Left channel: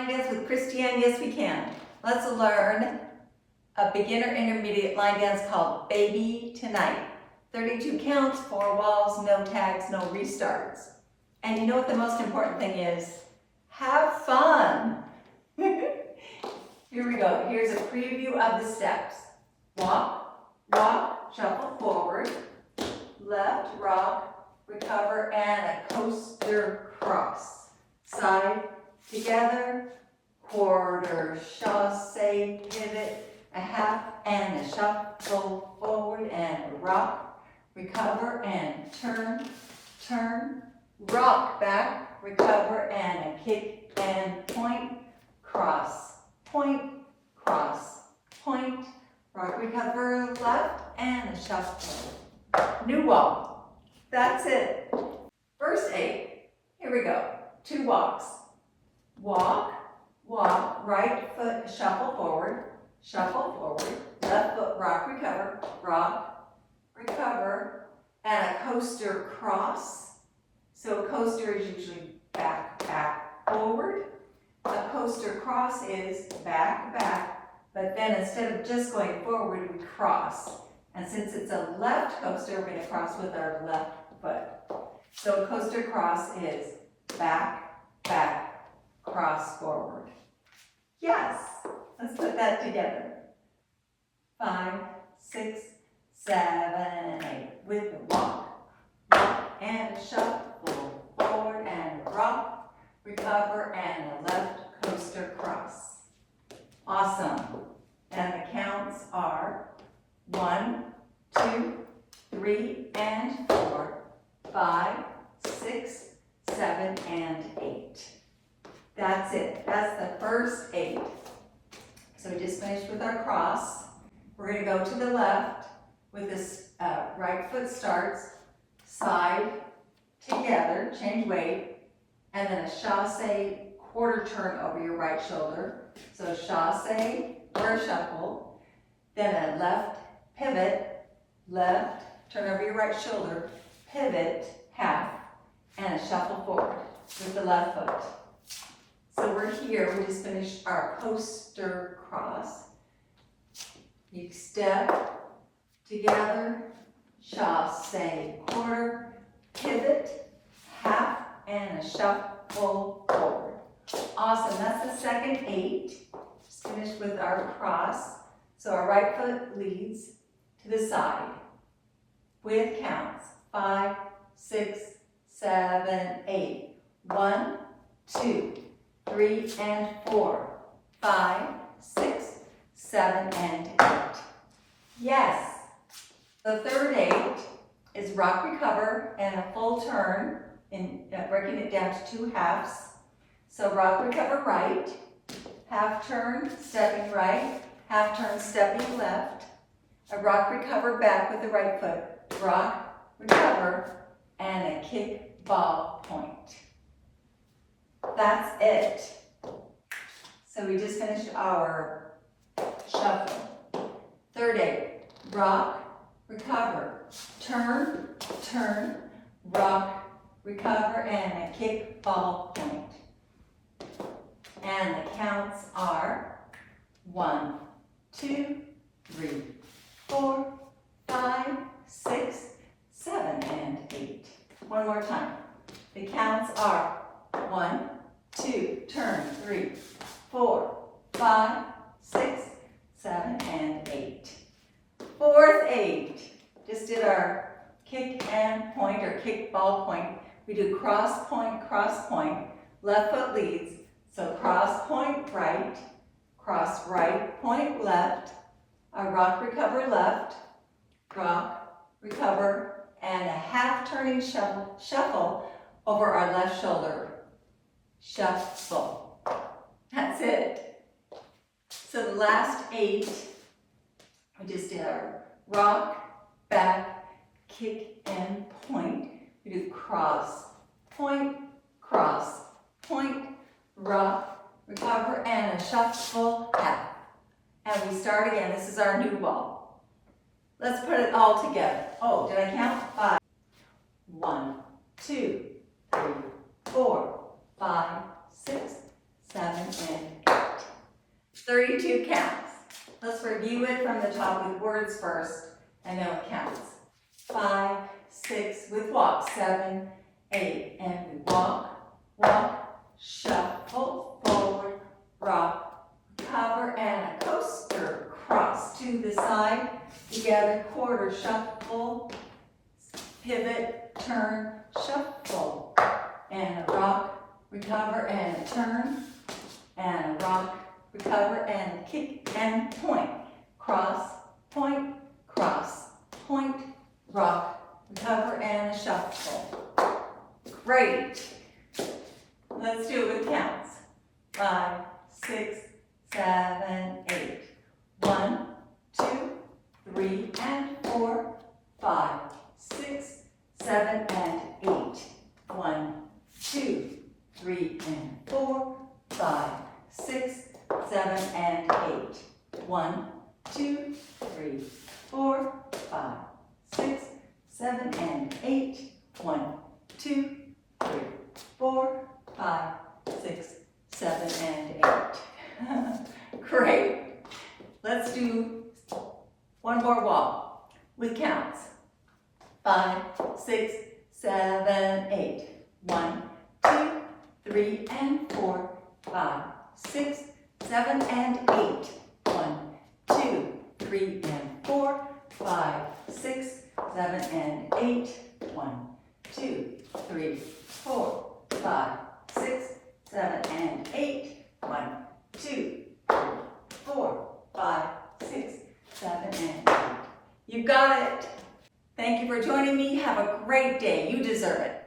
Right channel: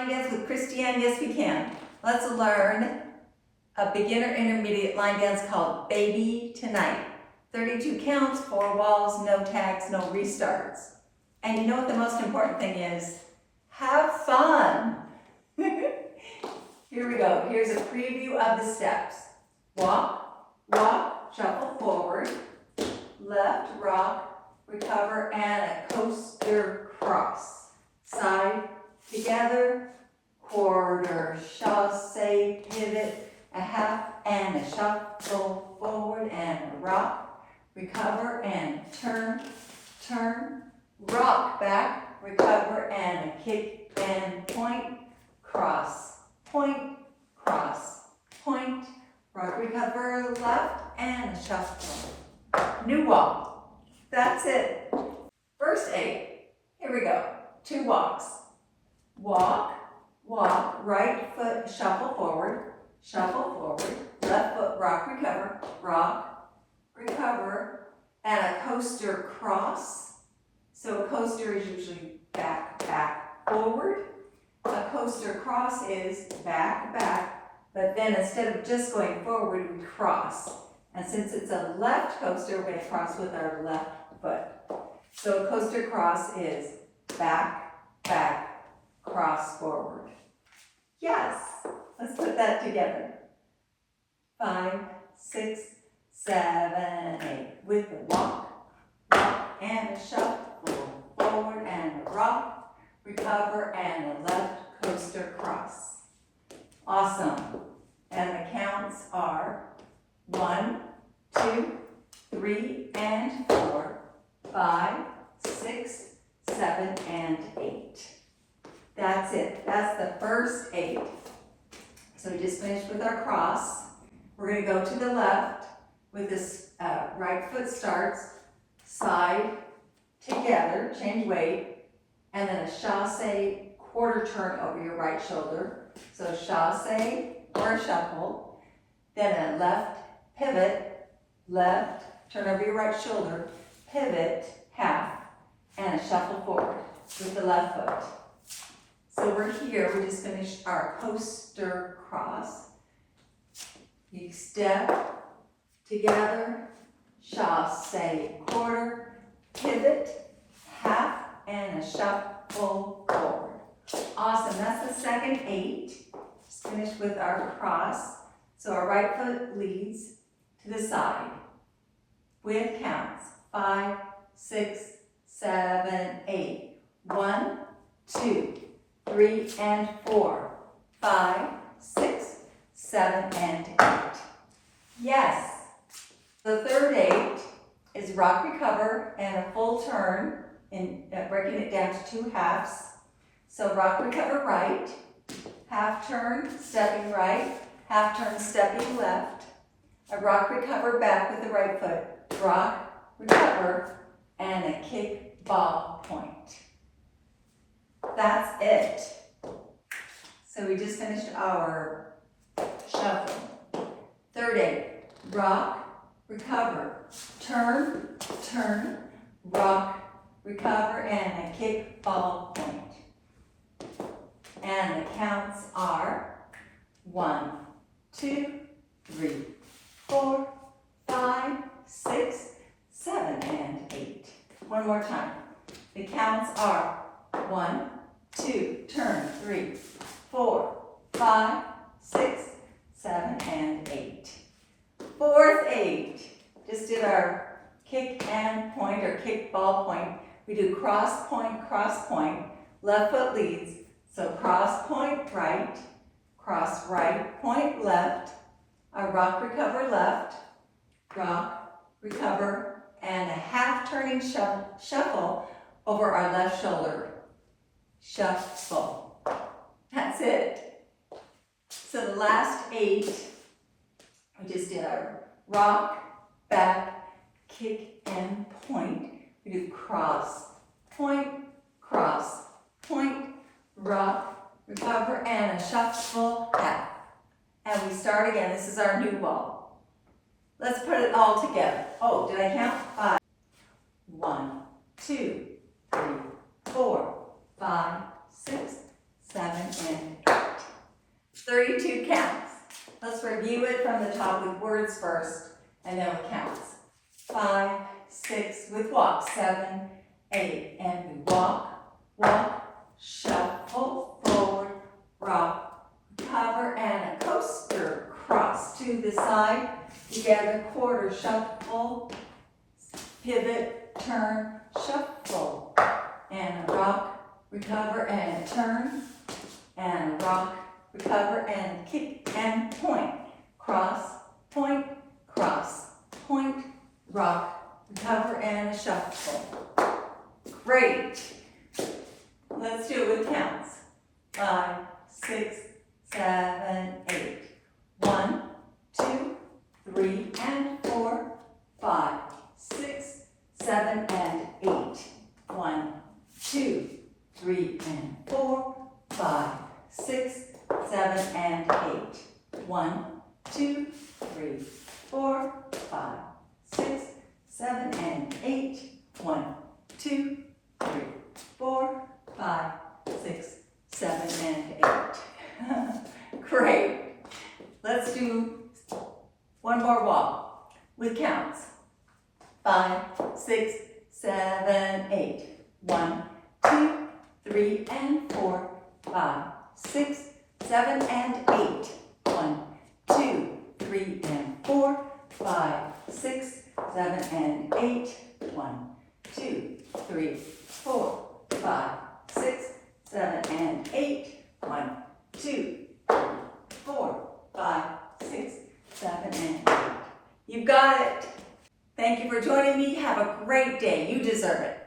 Line dance with Christiane? Yes, we can. Let's learn a beginner intermediate line dance called Baby Tonight. 32 counts, 4 walls, no tags, no restarts. And you know what the most important thing is? Have fun. Here we go. Here's a preview of the steps. Walk, walk, shuffle forward, left, rock, recover, and a coaster cross. Side, together, quarter, chassé, pivot, a half, and a shuffle forward, and a rock, recover, and turn, turn, rock back, recover, and a kick, and point, cross, point, cross, point, rock, recover, left, and a shuffle. New wall. That's it. First 8. Here we go. 2 walks. Walk, walk, right foot shuffle forward, left foot rock, recover, and a coaster cross. So a coaster is usually back, back, forward. A coaster cross is back, back, but then instead of just going forward, we cross. And since it's a left coaster, we're going to cross with our left foot. So a coaster cross is back, back, cross, forward. Yes, let's put that together. 5, 6, 7, 8. With a walk, walk, and a shuffle, forward, and a rock, recover, and a left coaster cross. Awesome. And the counts are 1, 2, 3, and 4, 5, 6, 7, and 8. That's it. That's the first 8. So we just finished with our cross. We're going to go to the left with this right foot starts, side, together, change weight, and then a chassé quarter turn over your right shoulder. So chassé or a shuffle, then a left pivot, left, turn over your right shoulder, pivot, half, and a shuffle forward with the left foot. So we're here, we just finished our coaster cross. You step together, chassé quarter, pivot, half, and a shuffle forward. Awesome, that's the second 8. Just finished with our cross. So our right foot leads to the side with counts 5, 6, 7, 8. 1, 2, 3, and 4, 5, 6, 7, and 8. Yes. The third 8 is rock, recover, and a full turn, in breaking it down to 2 halves. So rock, recover, right, half turn, stepping right, half turn, stepping left, a rock, recover, back with the right foot, rock, recover, and a kick, ball, point. That's it. So we just finished our shuffle. Third 8, rock, recover, turn, turn, rock, recover, and a kick, ball, point. And the counts are 1, 2, 3, 4, 5, 6, 7, and 8. One more time. The counts are 1, 2, turn, 3, 4, 5, 6, 7, and 8. Fourth 8. Just did our kick and point, or kick, ball, point. We do cross, point, left foot leads. So cross, point, right, point, left, a rock, recover, left, rock, recover, and a half turning shuffle over our left shoulder. Shuffle. That's it. So the last 8, we just did our rock, back, kick, and point. We do cross, point, rock, recover, and a shuffle, half. And we start again. This is our new wall. Let's put it all together. Oh, did I count? 5. 1, 2, 3, 4, 5, 6, 7, and 8. 32 counts. Let's review it from the top with words first, and then with counts. 5, 6 with walk, 7, 8, and we walk, walk, shuffle, forward, rock, recover, and a coaster cross to the side, together, quarter, shuffle, pivot, turn, shuffle, and a rock, recover, and a turn, and a rock, recover, and kick, and point, cross, point, rock, recover, and a shuffle. Great. Let's do it with counts. 5, 6, 7, 8. 1, 2, 3, and 4, 5, 6, 7, and 8. 1, 2, 3, and 4, 5, 6, 7, and 8. 1, 2, 3, 4, 5, 6, 7, and 8. 1, 2, 3, 4, 5, 6, 7, and 8. Great. Let's do one more walk with counts. 5, 6, 7, 8. 1, 2, 3, and 4, 5, 6, 7, and 8. 1, 2, 3, and 4, 5, 6, 7, and 8. 1, 2, 3, 4, 5, 6, 7, and 8. 1, 2, 3, 4, 5, 6, 7, and 8. You got it. Thank you for joining me. Have a great day. You deserve it.